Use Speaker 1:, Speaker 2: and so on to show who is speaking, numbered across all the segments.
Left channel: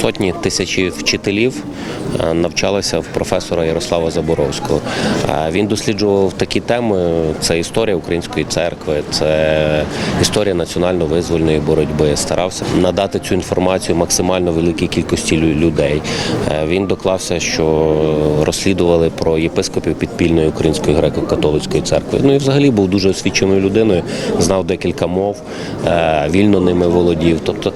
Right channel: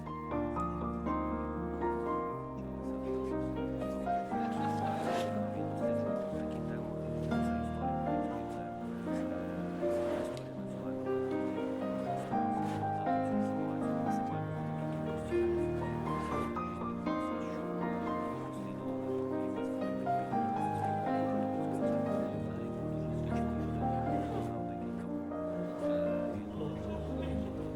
Speaker 1: сотні тисячі вчителів е, навчалися в професора Ярослава Заборовського. Е, Він досліджував такі теми: це історія української церкви, це історія національно-визвольної боротьби. Старався надати цю інформацію максимально великій кількості людей. Е, Він доклався, що розслідували про єпископів підпільної української греко-католицької церкви. Ну і взагалі був дуже освіченою людиною, знав декілька мов, вільно ними володів. Тобто,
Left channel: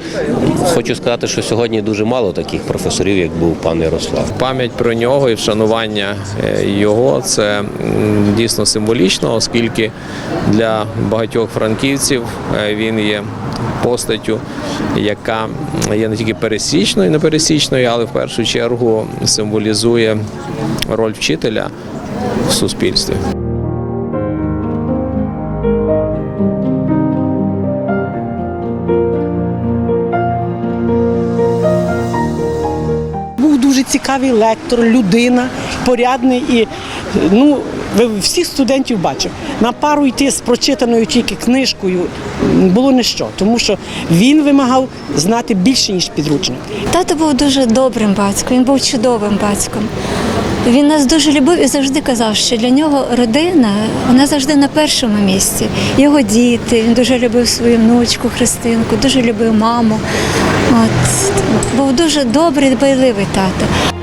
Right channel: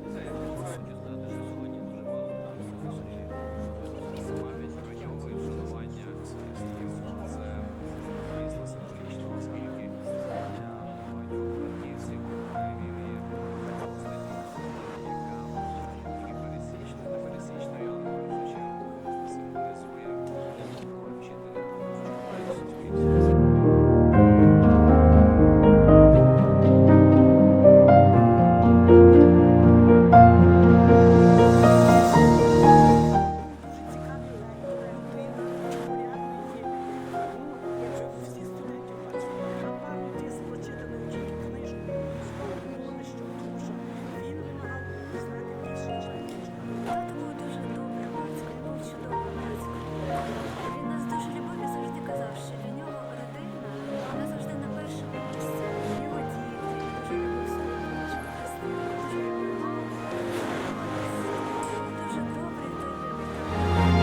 Speaker 1: хочу сказати, що сьогодні дуже мало таких професорів, як був пан Ярослав.
Speaker 2: Пам'ять про нього і вшанування е, його це дійсно символічно, оскільки для багатьох франківців е, він є постаттю, яка є не тільки пересічною, непересічною, але в першу чергу символізує роль вчителя в суспільстві.
Speaker 3: Дуже цікавий лектор, людина, порядний і ну, всіх студентів бачив. На пару йти з прочитаною тільки книжкою було не що, тому що він вимагав знати більше, ніж підручник.
Speaker 4: Тато був дуже добрим батьком, він був чудовим батьком. Він нас дуже любив і завжди казав, що для нього родина вона завжди на першому місці. Його діти, він дуже любив свою внучку Христинку, дуже любив маму. От. Був дуже добрий, дбайливий тато.